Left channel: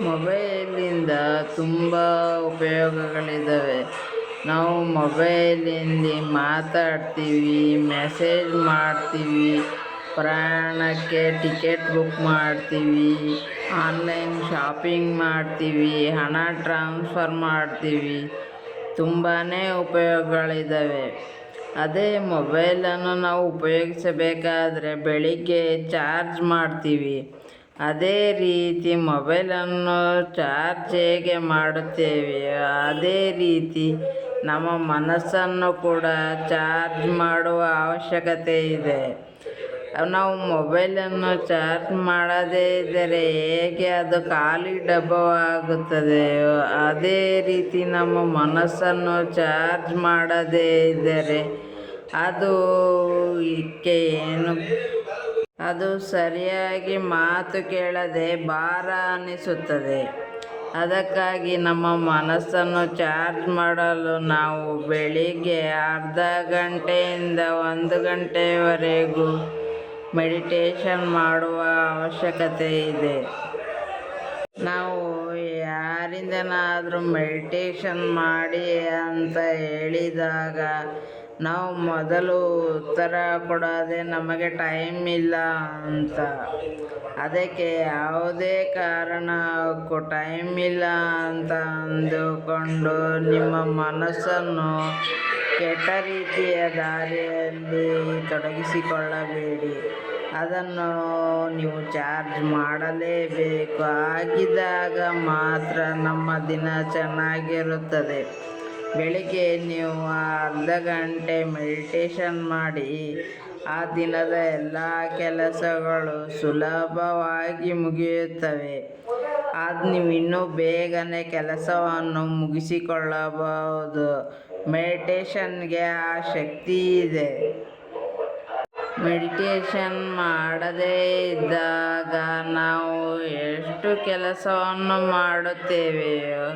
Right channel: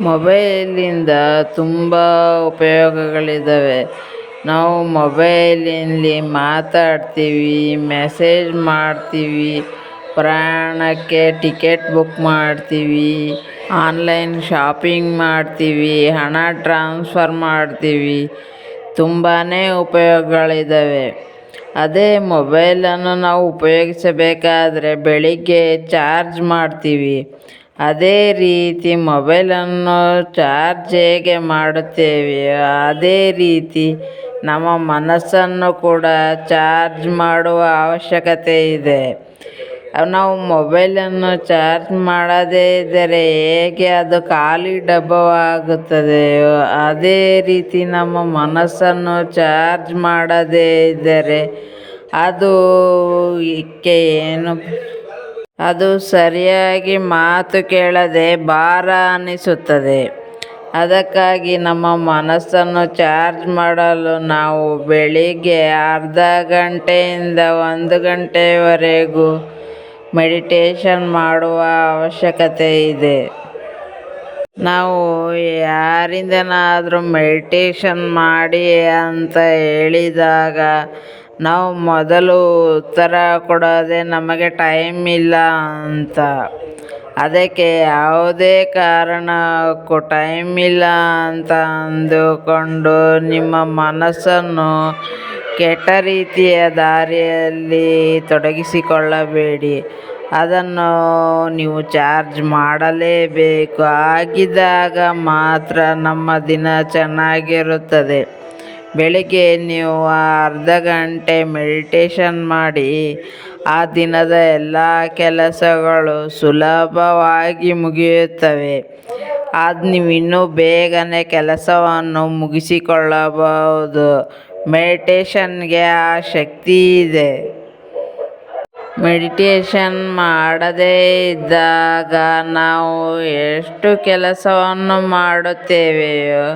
ಮೊಬೈಲಿಂದ ತುಂಬ ಉಪಯೋಗಗಳಿದ್ದಾವೆ. ನಾವು ಮೊಬೈಲಿನಲ್ಲಿ ಮಾತಾಡ್ತೀವಿ, ಮೆಸೇಜ್ ಮಾಡ್ತೀವಿ, ಪ್ರಯಾಣಕ್ಕೆ ಟಿಕೆಟ್ ಬುಕ್ ಮಾಡ್ತೀವಿ, ಆನ್ಲೈನ್ ಶಾಪಿಂಗ್ ಮಾಡ್ತೀವಿ, ಹಣ ಟ್ರಾನ್ಸ್ಫರ್ ಮಾಡ್ತೀವಿ. ತುಂಬಾ ಉಪಯೋಗಗಳಿದ್ದಾವೆ. ಅದೇ ಮೊಬೈಲನ್ನು ನಾವು ಉಪಯೋಗಿಸಬೇಕಾದ್ರೆ ಬೆಳಿಗ್ಗೆ ಚಾರ್ಜ್ ಮಾಡ್ತೀವಿ. ಅದೇ ರೀತಿ ಮೊಬೈಲನ್ನು ಚಾರ್ಜ್ ಹೇಗೆ ಮಾಡುತ್ತೇವೆ ಅದೇ ರೀತಿ ನಮ್ಮ ಮನಸ್ಸನ್ನು ಕೂಡ ಚಾರ್ಜ್ ಮಾಡುವ ಅವಶ್ಯಕತೆ ಇದೆ. ನಾವು ಮೊಬೈಲನ್ನು ಚಾರ್ಜ್ ಮಾಡದೇ ಇದ್ದರೆ ಹೇಗೆ ಅದು ಖಾಲಿ ಡಬ್ಬವಾಗುತ್ತದೆ? ಅದೇ ರೀತಿ ನಮ್ಮ ಮನಸ್ಸನ್ನು ಚಾರ್ಜ್ ಮಾಡದೇ ಇದ್ದರೆ ಅದು ಇಕ್ಕೆ ಏನು ಅದು ಸರಿಯಾಗಿ ಮಾತು ಕೇಳದೆ ಭಾರ ಅನ್ನಿಸುತ್ತದೆ. ಅದಕ್ಕಾಗಿ ನಮ್ಮ ಮನಸ್ಸನ್ನು ಚಾರ್ಜ್ ಮಾಡಲು ನಾವು ಬೆಳಿಗ್ಗೆ ಅರ್ಧ ಗಂಟೆಯಿಂದ ಒಂದು ಗಂಟೆಯವರೆಗೂ ಮೆಡಿಟೇಷನ್ ಮಾಡುವ ಅವಶ್ಯಕತೆ ಇದೆ. ನಾವು ಯಾರಿಂದನಾದರೂ ಮೆಡಿಟೇಷನ್ ಮಾಡಿ ಅಂತ ಹೇಳಿದಾಗ ನಾವು ಮೊದಲು ಉತ್ತರ ಕೊಡೋದೇ ನಮಗೆ ಟೈಮ್ ಇಲ್ಲ ಅಂತ. ಅದಕ್ಕೆ ಯಾವುದೇ ಕಾರಣಕ್ಕೂ ಟೈಮ್ ಇಲ್ಲ ಅಂತ ಅಂದುಕೊಂಡು ನಿಮ್ಮ ಮನಸ್ಸನ್ನು ಕೆಟ್ಟ ರೀತಿಯ ದಾರಿಯಲ್ಲಿ ತೊಡಗಿಸಿಕೊಳ್ಳಬೇಡಿ. ಅದನ್ನು ನೀವು ಚಾರ್ಜ್ ಮಾಡಲೇಬೇಕು. ಆಗಿದ್ದಾಗ ಮಾತ್ರ ನಮ್ಮ ದಿನ ಚೆನ್ನಾಗಿರುತ್ತದೆ. ಬೆಳಿಗ್ಗೆ ನೀವು ಅರ್ಧ ಗಂಟೆ ಮೆಡಿಟೇಷನ್ ಮಾಡಿ, ಆ ದಿನದ ಎಲ್ಲ ಕೆಲಸಗಳು ಸುಲಭವಾಗಿ ಮುಗಿಯುತ್ತವೆ. ಅದು ನೀವು ಇನ್ನೂ ಬೇಗನೆ ಕೆಲಸವನ್ನು ಮುಗಿಸಿಕೊಳ್ಳಬಹುದು. ಮೆಡಿಟೇಷನ್ಗೆ ಆ ಶಕ್ತಿ ಇದೆ. ಮೆಡಿಟೇಷನ್ ಮಾಡದೇ ಇದ್ದಾಗ ನಾವು ಎಷ್ಟು ಕೆಲಸವನ್ನು ಮಾಡುತ್ತೇವೆಯೋ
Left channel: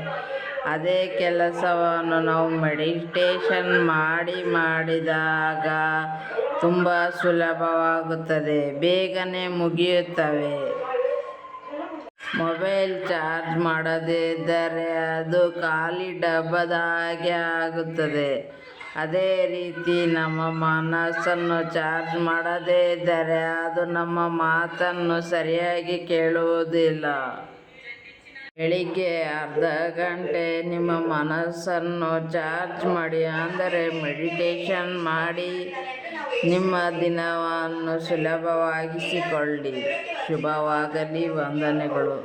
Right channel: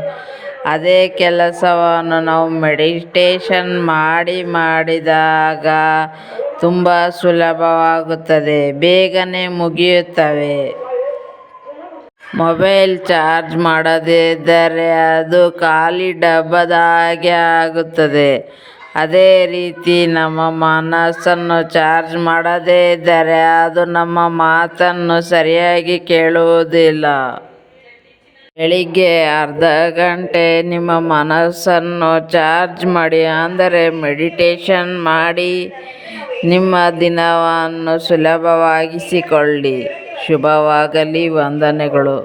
ಅದೇ ಕೆಲಸವನ್ನು ನಾವು ಮೆಡಿಟೇಷನ್ ಮಾಡಿ ಮಾಡಿದಾಗ ತುಂಬ ಸುಲಭವಾಗುತ್ತದೆ. ಬೇಗನೆ ಮುಗಿಯುತ್ತವೆ. ಮೊಬೈಲ್ ಚಾರ್ಜ್ ಮಾಡದೇ ಇದ್ದರೆ ಅದು ಖಾಲಿ ಡಬ್ಬದ ಹಾಗೆ ಆಗುತ್ತದೆ. ಅದೇ ರೀತಿ ನಮ್ಮ ಮನಸ್ಸನ್ನು ಚಾರ್ಜ್ ಮಾಡದೇ ಇದ್ದರೆ ಅದು ನಮ್ಮ ಮಾತನ್ನು ಸರಿಯಾಗಿ ಕೇಳುವುದಿಲ್ಲ. ಬೆಳಿಗ್ಗೆ ಅರ್ಧ ಗಂಟೆ ನಿಮ್ಮ ಮನಸ್ಸನ್ನು ಚಾರ್ಜ್ ಮಾಡಿ, ಅಂದರೆ ಮೆಡಿಟೇಷನ್ ಮಾಡಿ, ನಿಮ್ಮ ದಿನವನ್ನು ಸುಲಭವಾಗಿಸಿಕೊಳ್ಳಿ. ಶುಭವಾಗಲಿ, ವಂದನೆಗಳು.